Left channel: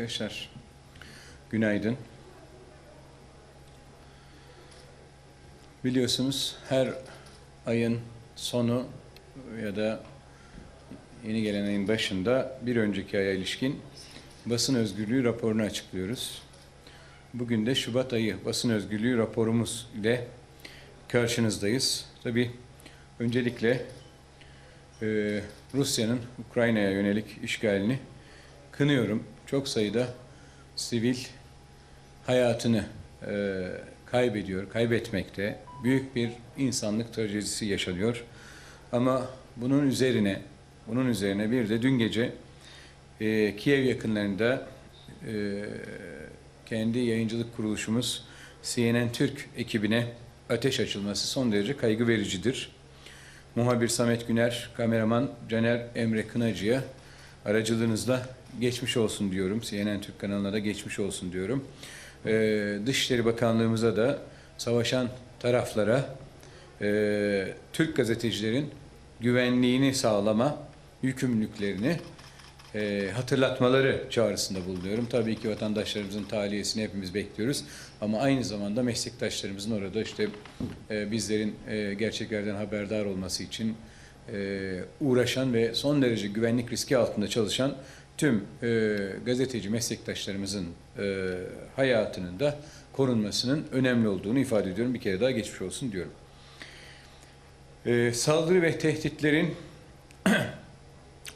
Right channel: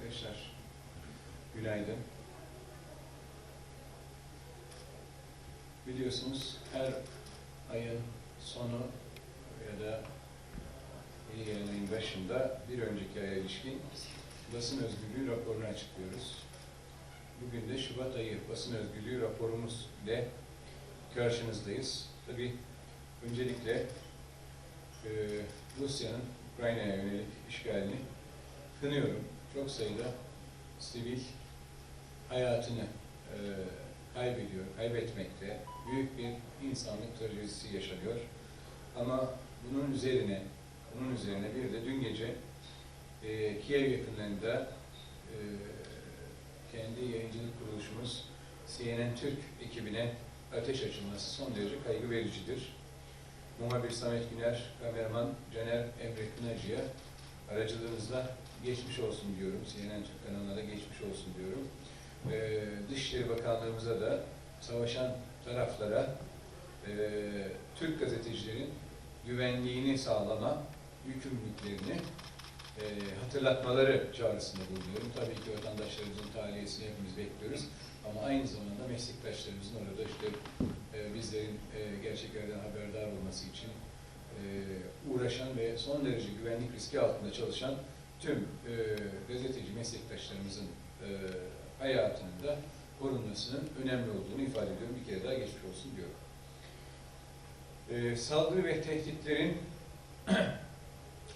Arkadaşlar günaydın. Biliyorsunuz her ayın sonu ya da yeni gelen ayın başında bir önceki aya ilişkin basın özgürlüğü raporunu açıklıyoruz. Bugün de Şubat ayı basın özgürlüğü raporumuz ile karşınızdayız. Tabi öncelikle e, Rusya'nın Ukrayna'ya yönelik işgalini kınıyorum. Çok sayıda sivil hayatını e, kaybediyor, kaybetmekte. Büyük bir insanlık trajedisi yaşanıyor. Ama bunun üzerine, bunun üzerine bir de dün gece e, Kiev yakınlarında e, kendi yayıncılık kuruluşumuz CNN Türk ekibine ateş açılması son derece kaygı vericidir. Muhabir Samet Güner, kameraman Caner Emre Kınacı'ya aracılığınızla geçmiş olsun diyorum. CNN Türk kanalına da geçmiş olsun diyorum. Ee, Dışişleri Bakanlığımıza da savaşan taraflara e, Türk gazetecilerin güvenliğini sağlama yükümlülüklerini e, hatırlatmaları çağrısında bulunuyorum. Tabii ki vatandaşlarımızın tahliyesini hepimiz bekliyoruz. Ama aynı zamanda meslektaşlarımızın orada işte e, bizlerin e, gerçeklerden haberdar olması için uğraşan ve son derece güvenlik riski altında çalışan tüm e, gazeteci meslektaşlarımızın e, hayatının da korunmasının önemli olduğunu ifade ediyorum. Bir kere daha geçmiş olsun diyorum. E, saldırı ve tehditlerin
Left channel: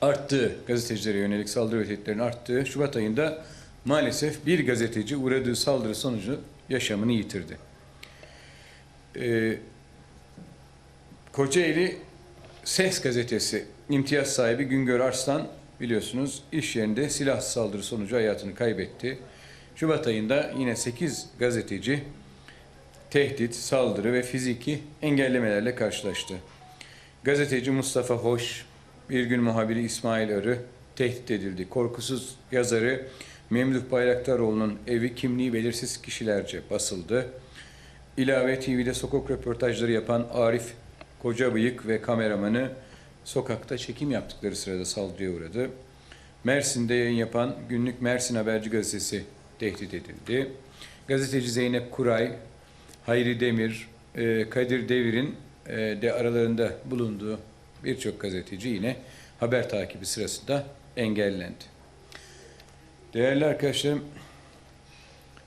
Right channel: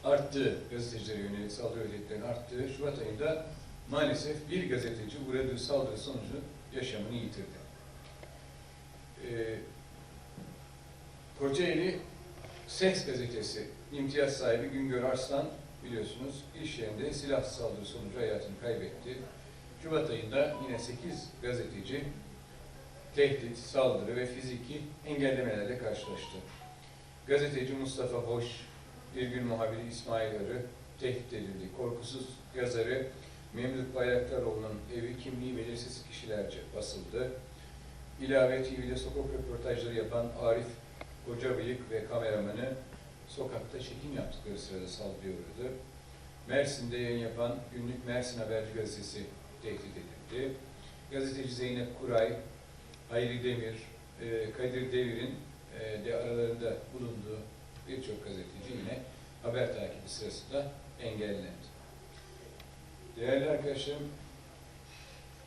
arttığı, gazetecilere yönelik saldırı ve tehditlerin arttığı Şubat ayında maalesef bir gazeteci uğradığı saldırı sonucu yaşamını yitirdi. E, Kocaeli Ses gazetesi imtiyaz sahibi Güngör Arslan biliyorsunuz iş yerinde silah saldırı sonucu hayatını kaybetti. Şubat ayında yine 8 gazeteci tehdit, saldırı ve fiziki engellemelerle karşılaştı. Gazeteci Mustafa Hoş, bir gün muhabiri İsmail Arı tehdit edildi. Korkusuz yazarı Memduh Bayraktaroğlu'nun evi kimliği belirsiz kişilerce basıldı. İlave TV'de sokak röportajları yapan Arif Kocabıyık ve kameramanı sokakta çekim yaptıkları sırada saldırıya uğradı. Mersin'de yayın yapan günlük Mersin Haberci gazetesi tehdit edildi. Gazeteci Zeynep Kuray, Hayri Demir, e, Kadir Devir'in e, de aralarında bulunduğu birçok gazeteci yine haber takibi sırasında engellendi. Değerli arkadaşlarım,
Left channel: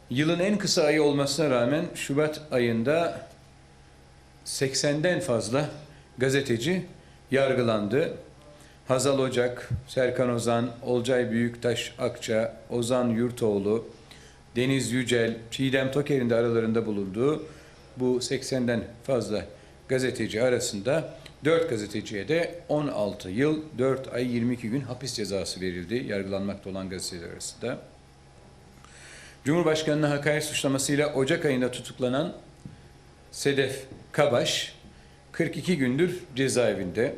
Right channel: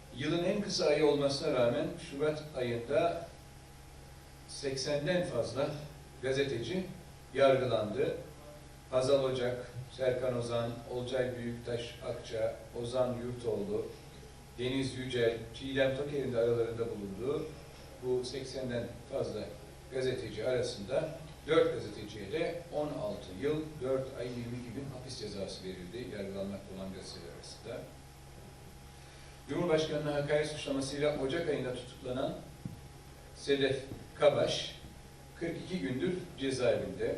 yılın en kısa ayı olmasına rağmen Şubat ayında 80'den fazla gazeteci yargılandı. Hazal Ocak, Serkan Ozan, Olcay Büyüktaş Akça, Ozan Yurtoğlu, Deniz Yücel, Çiğdem Toker'in de aralarında bulunduğu bu 80'den fazla gazeteci arasında 4 gazeteciye de 16 yıl, 4 ay 22 gün hapis cezası verildi yargılanmakta olan gazeteciler arasında. Cumhurbaşkanı'na hakaret suçlamasıyla Ocak ayında tutuklanan Sedef Kabaş 42 gündür cezaevinde.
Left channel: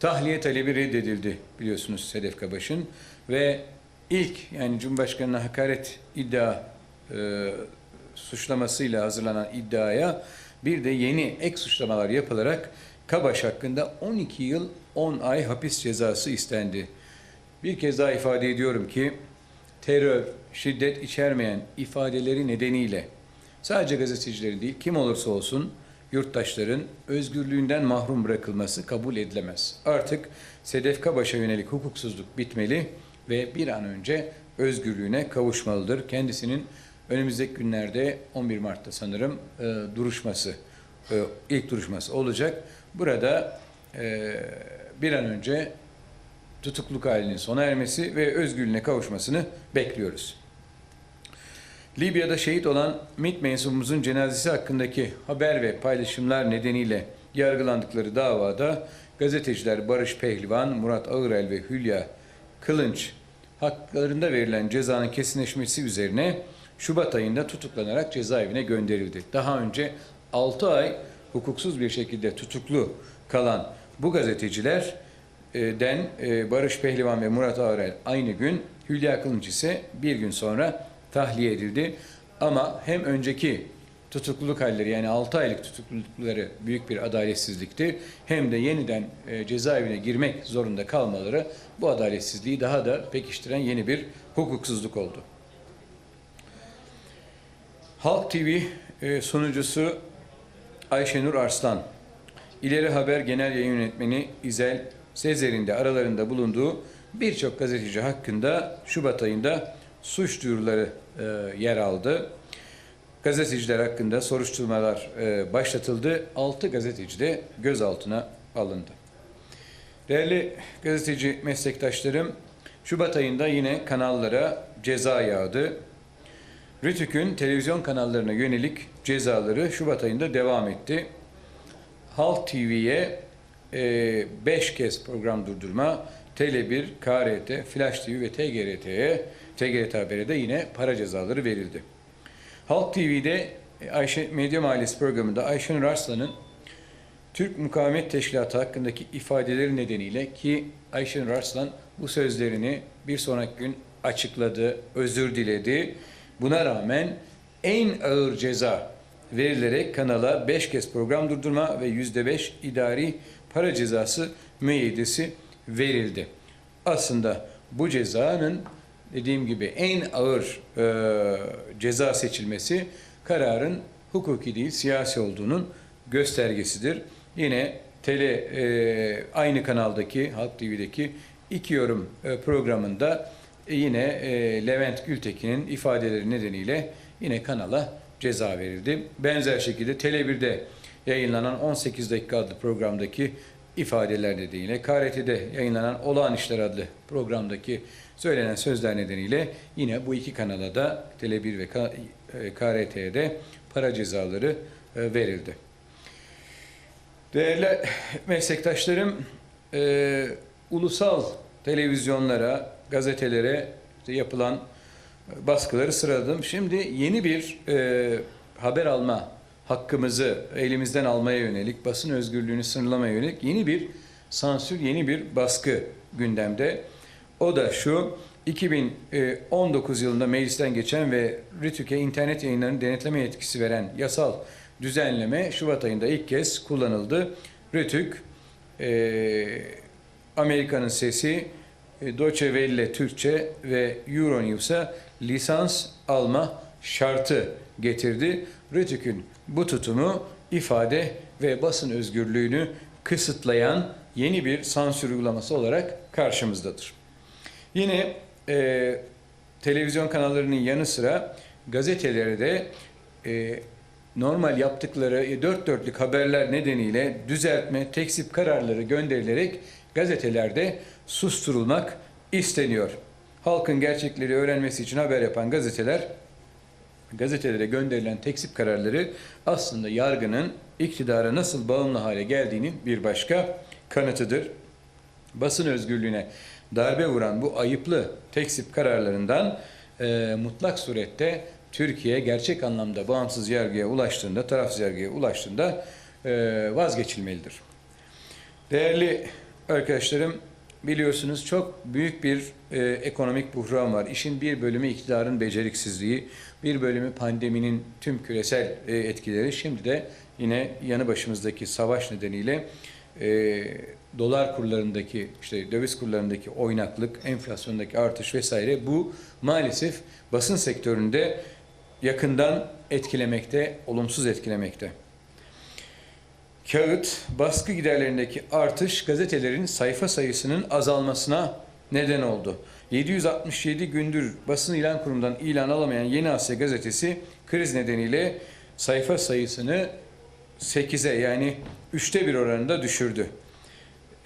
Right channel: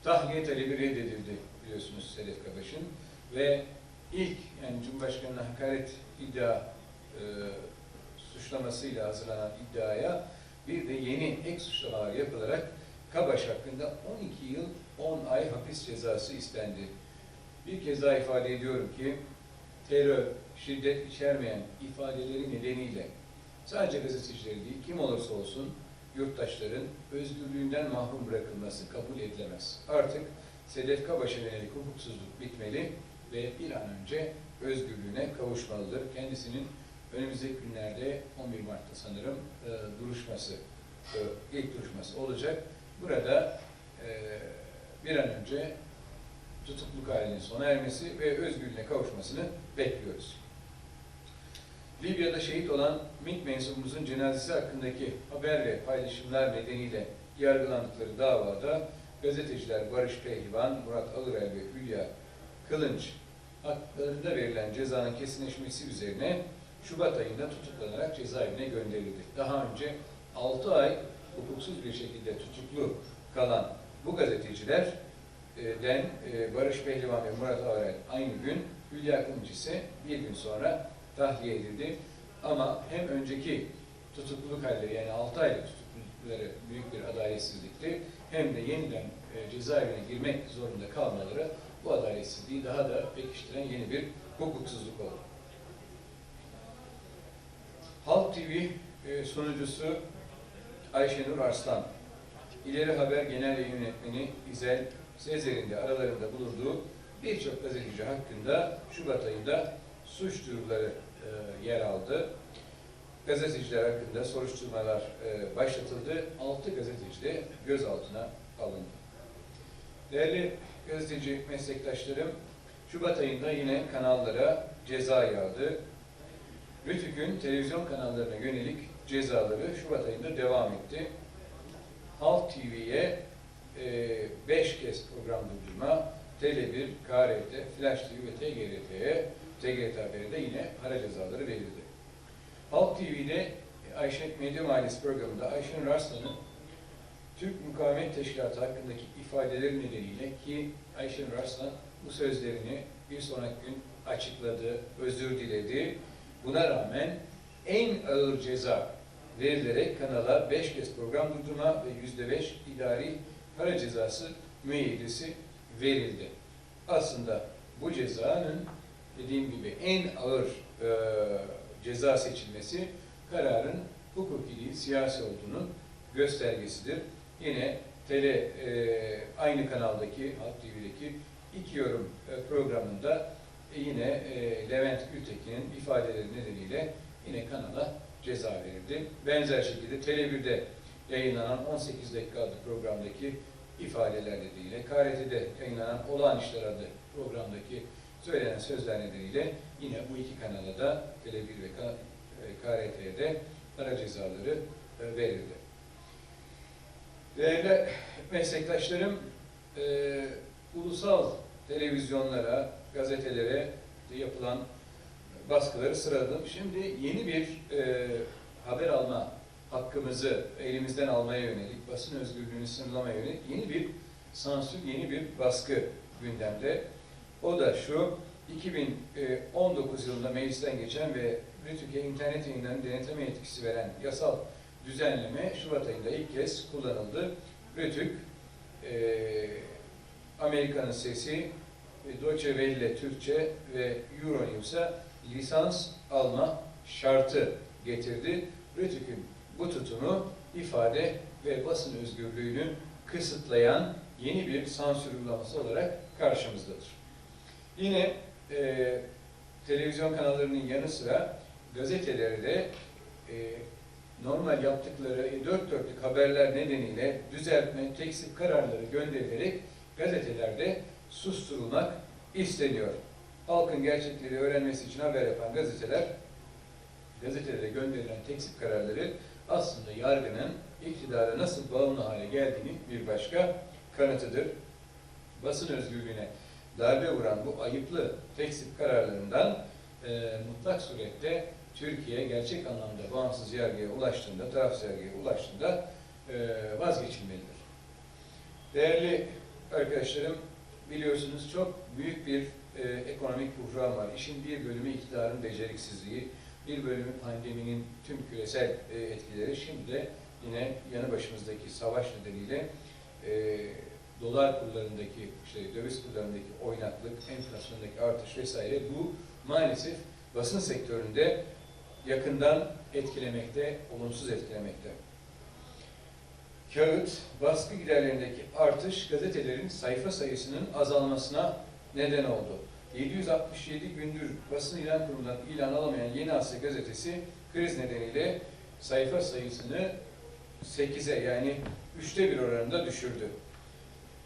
Tahliye talebi reddedildi biliyorsunuz Sedef Kabaş'ın ve ilk yani Cumhurbaşkanı'na hakaret iddia e, suçlamasıyla hazırlanan iddiaya bir de yeni ek suçlamalar yapılarak Kabaş hakkında 12 yıl 10 ay hapis cezası istendi. Bir kez daha ifade ediyorum ki terör, şiddet içermeyen ifadeleri nedeniyle sadece gazetecileri değil kim olursa olsun yurttaşların özgürlüğünden mahrum bırakılması kabul edilemez. Artık Sedef Kabaş'a yönelik hukuksuzluk bitmeli ve bir an önce özgürlüğüne kavuşmalıdır. Kendisinin önümüzdeki günlerde 11 Mart'ta sanırım e, duruşması, e, ilk duruşması olacak. Burada e, bir an önce tutukluk halinin sona ermesi ve özgürlüğüne kavuşmasını bekliyoruz. Libya'da şehit olan MİT mensubumuzun cenazesi hakkındaki haber ve paylaşımlar nedeniyle yargılandıkları davada gazeteciler Barış Pehlivan, Murat Ağırel ve Hülya Kılınç haklarında verilen cezanın kesinleşmesi üzerine Şubat ayında tutuklanarak cezaevine gönderildi. Daha önce 6 ay hukuksuz bir şekilde tutuklu kalan bu gazeteciler e, den e, Barış Pehlivan ve Murat Ağrel aynı gün, Hülya Kılınç ise bir gün sonra tahliye edildi. Ama hem önceki tutukluluk halleri yani 6 aylık tutuklulukları büyük bir adaletsizlikti. Hem de yeniden e, cezaevine girmek zorunda kalmaları bu adaletsizliği daha da pekiştiren yeni bir hukuksuzluk oldu. Halk TV e, sunucusu Ayşenur Arslan, İleri Haber Genel Yayın Yönetmeni İzel Sezer'in de aralarında bulunduğu birçok gazeteci hakkında Şubat ayında suç duyuruları e, yer aldı. Gazeteciler hakkında soruşturmalar e, başlatıldı. 6 gazeteci de gözaltına alındı. Değerli gazeteci meslektaşlarım, Şubat ayında yine kanallara ceza yağdı. Rütük'ün televizyon kanallarına yönelik cezaları Şubat ayında devam etti. Halk TV'ye 5 kez program durdurma, Tele1, KRT, Flash TV ve TGRT'ye, TGRT Haber'e yine para cezaları verildi. Halk TV'de e, Ayşe Medya Mahallesi programında Ayşenur Arslan'ın Türk Mukavemet Teşkilatı hakkındaki ifadeleri nedeniyle ki Ayşenur Arslan bu sözlerini bir sonraki gün açıkladı, özür diledi. Buna rağmen en ağır ceza verilerek kanala 5 kez program durdurma ve %5 idari para cezası müeyyidesi verildi. Aslında bu cezanın dediğim gibi en ağır e, ceza seçilmesi kararın hukuki değil siyasi olduğunun göstergesidir. Yine tele e, aynı kanaldaki Halk TV'deki iki yorum e, programında e, yine e, Levent Gültekin'in ifadeleri nedeniyle yine kanala ceza verildi. Benzer şekilde Tele1'de yayınlanan 18 dakika adlı programdaki ifadeler nedeniyle, KRT'de yayınlanan Olağan İşler adlı programdaki söylenen sözler nedeniyle yine bu iki kanala da Tele1 ve KRT'ye de para cezaları e, verildi. Değerli meslektaşlarım, e, ulusal televizyonlara, gazetelere yapılan baskıları sıraladım. Şimdi yeni bir e, haber alma hakkımızı elimizden almaya yönelik, basın özgürlüğünü sınırlamaya yönelik yeni bir sansür, yeni bir baskı gündemde. O da şu, 2019 yılında meclisten geçen ve RTÜK'e internet yayınlarının denetleme yetkisi veren yasal düzenleme Şubat ayında ilk kez kullanıldı. RTÜK, e, Amerika'nın Sesi, e, Deutsche Welle Türkçe ve Euronews'a lisans alma şartı getirdi. RTÜK'ün bu tutumu ifade ve basın özgürlüğünü kısıtlayan yeni bir sansür uygulaması olarak karşımızdadır. Yine e, televizyon kanallarının yanı sıra gazetelere de e, normal yaptıkları e, dört dörtlük haberler nedeniyle düzeltme, teksip kararları gönderilerek gazetelerde susturulmak isteniyor. Halkın gerçekleri öğrenmesi için haber yapan gazeteler gazetelere gönderilen teksip kararları aslında yargının iktidara nasıl bağımlı hale geldiğinin bir başka kanıtıdır. Basın özgürlüğüne darbe vuran bu ayıplı teksip kararlarından e, mutlak surette Türkiye gerçek anlamda bağımsız yargıya ulaştığında, tarafsız yargıya ulaştığında e, vazgeçilmelidir. Değerli arkadaşlarım, biliyorsunuz çok büyük bir e, ekonomik buhran var. İşin bir bölümü iktidarın beceriksizliği, bir bölümü pandeminin tüm küresel e, etkileri. Şimdi de yine yanı başımızdaki savaş nedeniyle e, dolar kurlarındaki, işte döviz kurlarındaki oynaklık, enflasyondaki artış vesaire bu maalesef basın sektöründe yakından etkilemekte, olumsuz etkilemekte. Kağıt, baskı giderlerindeki artış gazetelerin sayfa sayısının azalmasına neden oldu. 767 gündür basın ilan kurumundan ilan alamayan Yeni Asya gazetesi kriz nedeniyle sayfa sayısını 8'e yani 3'te bir oranında düşürdü.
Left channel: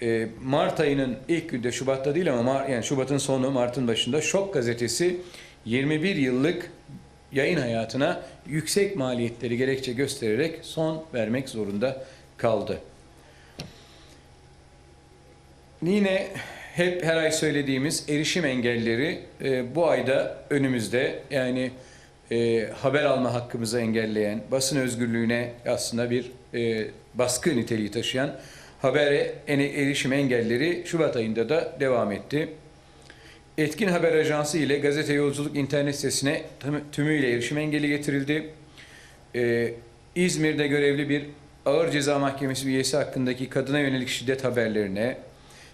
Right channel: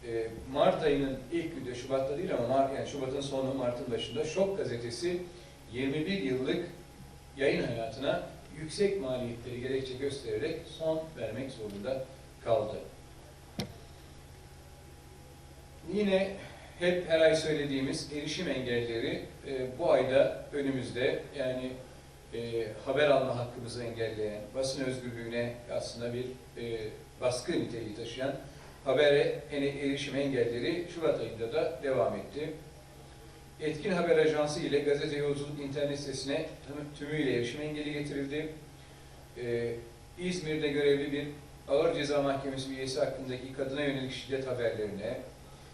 Ee, Mart ayının ilk günde Şubat'ta değil ama Mart, yani Şubat'ın sonu Mart'ın başında Şok gazetesi 21 yıllık yayın hayatına yüksek maliyetleri gerekçe göstererek son vermek zorunda kaldı. Yine hep her ay söylediğimiz erişim engelleri e, bu ayda önümüzde yani e, haber alma hakkımızı engelleyen, basın özgürlüğüne aslında bir e, baskı niteliği taşıyan habere erişim engelleri Şubat ayında da devam etti. Etkin Haber Ajansı ile Gazete Yolculuk internet sitesine tümüyle erişim engeli getirildi. e, İzmir'de görevli bir ağır ceza mahkemesi üyesi hakkındaki kadına yönelik şiddet haberlerine,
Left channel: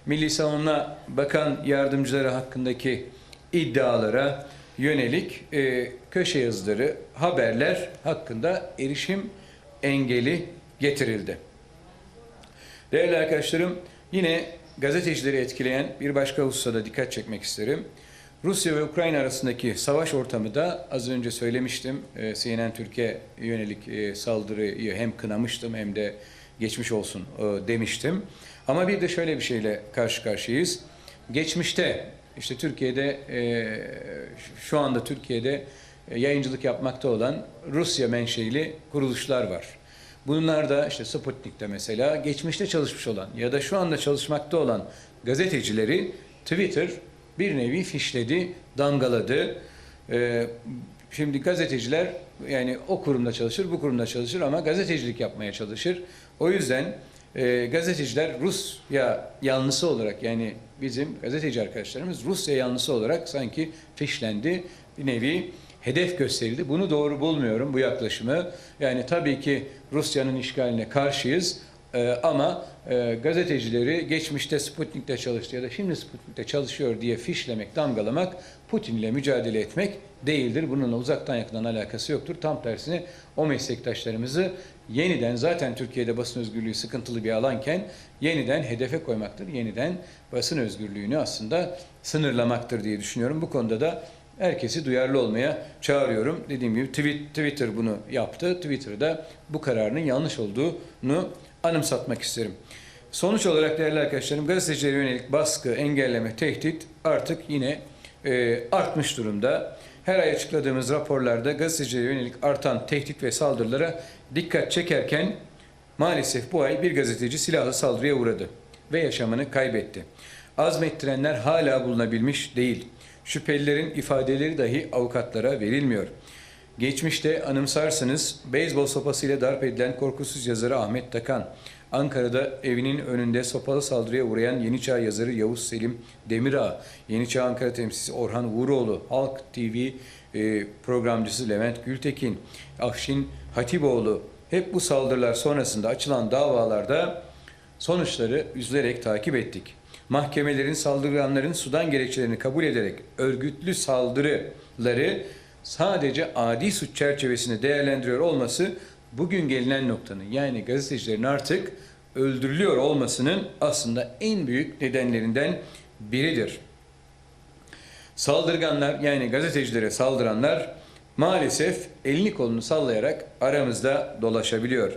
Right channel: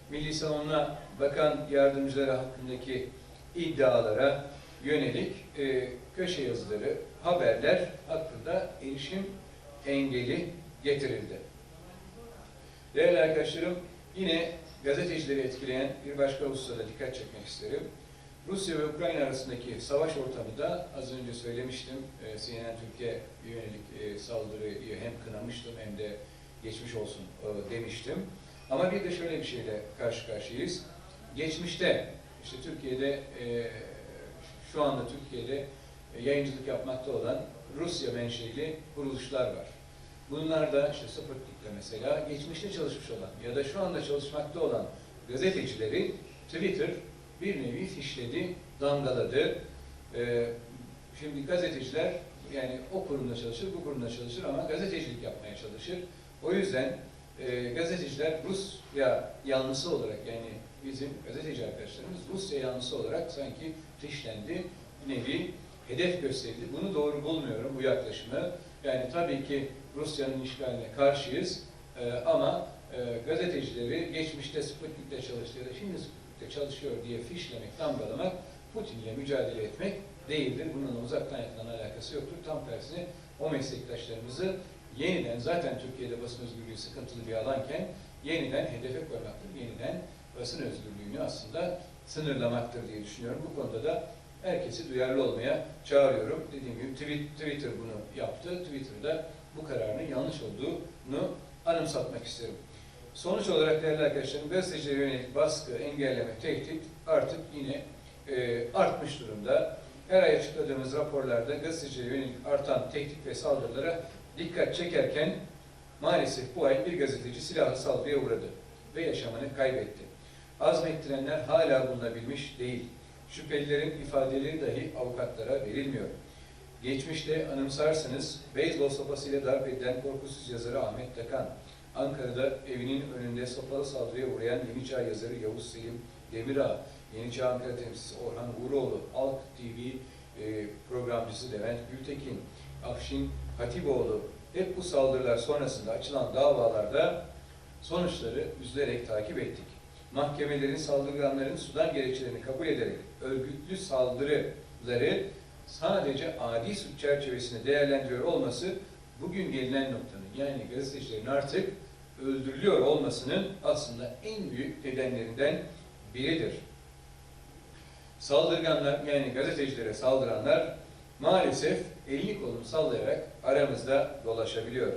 Milli Savunma Bakan Yardımcıları hakkındaki iddialara yönelik e, köşe yazıları, haberler hakkında erişim engeli getirildi. Değerli arkadaşlarım, yine gazetecileri etkileyen bir başka hususa da dikkat çekmek isterim. Rusya ve Ukrayna arasındaki savaş ortamı da az önce söylemiştim. E, CNN Türkiye yönelik e, saldırıyı hem kınamıştım hem de geçmiş olsun e, demiştim. Ama bir de şöyle bir şeyle karşı karşıyayız. Geçmişte işte Türkiye'de e, şu anda Türkiye'de yayıncılık yapmakta olan Rusya menşeili kuruluşlar var. Bunlar da işte Sputnik'te mesela geçmişte çalışmış olan ya da şu anda çalışmakta olan gazetecileri Twitter bir nevi fişledi, damgaladı. Ee, şimdi gazeteciler yani o kurumda çalışır, bu kurumda çalışır ama gazetecilik yapmaya çalışır. O yüzden e, gazeteciler Rusya yanlısı olarak yani bizim gazeteci arkadaşlarımız Rusya yanlısı olarak sanki fişlendi. Bir nevi hedef gösterildi. Bunu doğru bulmuyorum bu yaklaşımı. Yani tabii ki Rusya'nın işgaline karşıyız Ee, ama e, gazetecileri geçmişte Sputnik'te çalıştı ya da şimdi Sputnik'te çalışıyor diye fişlemek, damgalamak Putin'le mücadele etmek değildir. Bununla uzaktan yakından alakası yoktur. Tam tersine o meslektaşlarımızı yeniden zaten Türkiye'de basın özgürlüğü sıkıntılı bir alanken yeniden hedefe koymaktır. Yeniden basın özgürlüğünü aslında sınırlamaktır diye düşünüyorum. Bu konuda da herkesi duyarlı olmaya çağırıyorum. Dediğim gibi Twitter bunu yaptı. Twitter'da bu kararının yanlış olduğunu anımsatmak isterim. Sonuç olarak değerli arkadaşlarım gazetecilere yönelik baskı, engelleme, tehdit artık yine e, artmış durumda. Her ay açıkladığımız raporlarda gazetecilere yönelik artan tehdit ve saldırılara dikkat çekerken maalesef bu ay bir gazeteci silahlı saldırıya uğradı ve yaşamını kaybetti. Azmettirenler hala bulunabilmiş değil. Şüphelilerin ifadeleri dahi avukatlara verilmiyor. Geçmişte anımsarsınız beyzbol sopasıyla darp edilen korkusuz yazarı Ahmet Takan, Ankara'da evinin önünde sopalı saldırıya uğrayan Yeni Çağ yazarı Yavuz Selim Demirağ, Yeni Çağ Ankara temsilcisi Orhan Vuroğlu, Halk TV e, programcısı Levent Gültekin, Afşin Hatipoğlu hep bu saldırılar sonrasında açılan davalarda sonuçları üzülerek takip ettik. Mahkemelerin saldırganların sudan gerekçelerini kabul ederek örgütlü saldırıları sadece adi suç çerçevesinde değerlendiriyor olması bugün gelinen noktanın yani gazetecilerin artık öldürülüyor olmasının aslında en büyük nedenlerinden biridir. Saldırganlar yani gazetecilere saldıranlar maalesef elini kolunu sallayarak aramızda dolaşabiliyor.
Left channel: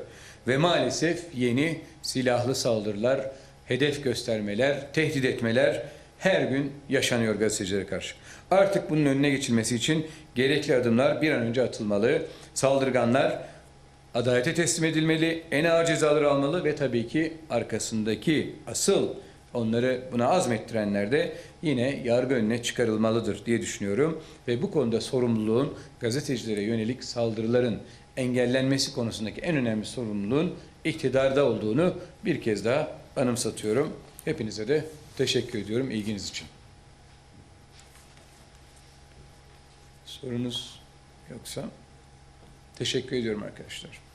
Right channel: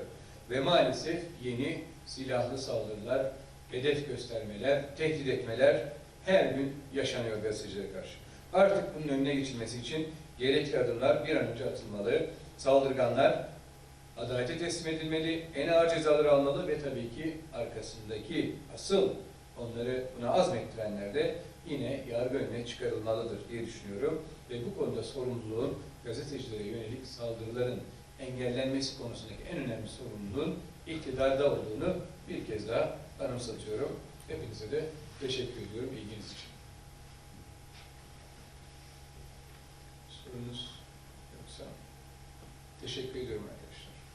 Ve maalesef yeni silahlı saldırılar, hedef göstermeler, tehdit etmeler her gün yaşanıyor gazetecilere karşı. Artık bunun önüne geçilmesi için gerekli adımlar bir an önce atılmalı. Saldırganlar adalete teslim edilmeli, en ağır cezaları almalı ve tabii ki arkasındaki asıl onları buna azmettirenler de yine yargı önüne çıkarılmalıdır diye düşünüyorum. Ve bu konuda sorumluluğun gazetecilere yönelik saldırıların engellenmesi konusundaki en önemli sorumluluğun iktidarda olduğunu bir kez daha anımsatıyorum. Hepinize de teşekkür ediyorum ilginiz için. Sorunuz yoksa teşekkür ediyorum arkadaşlar.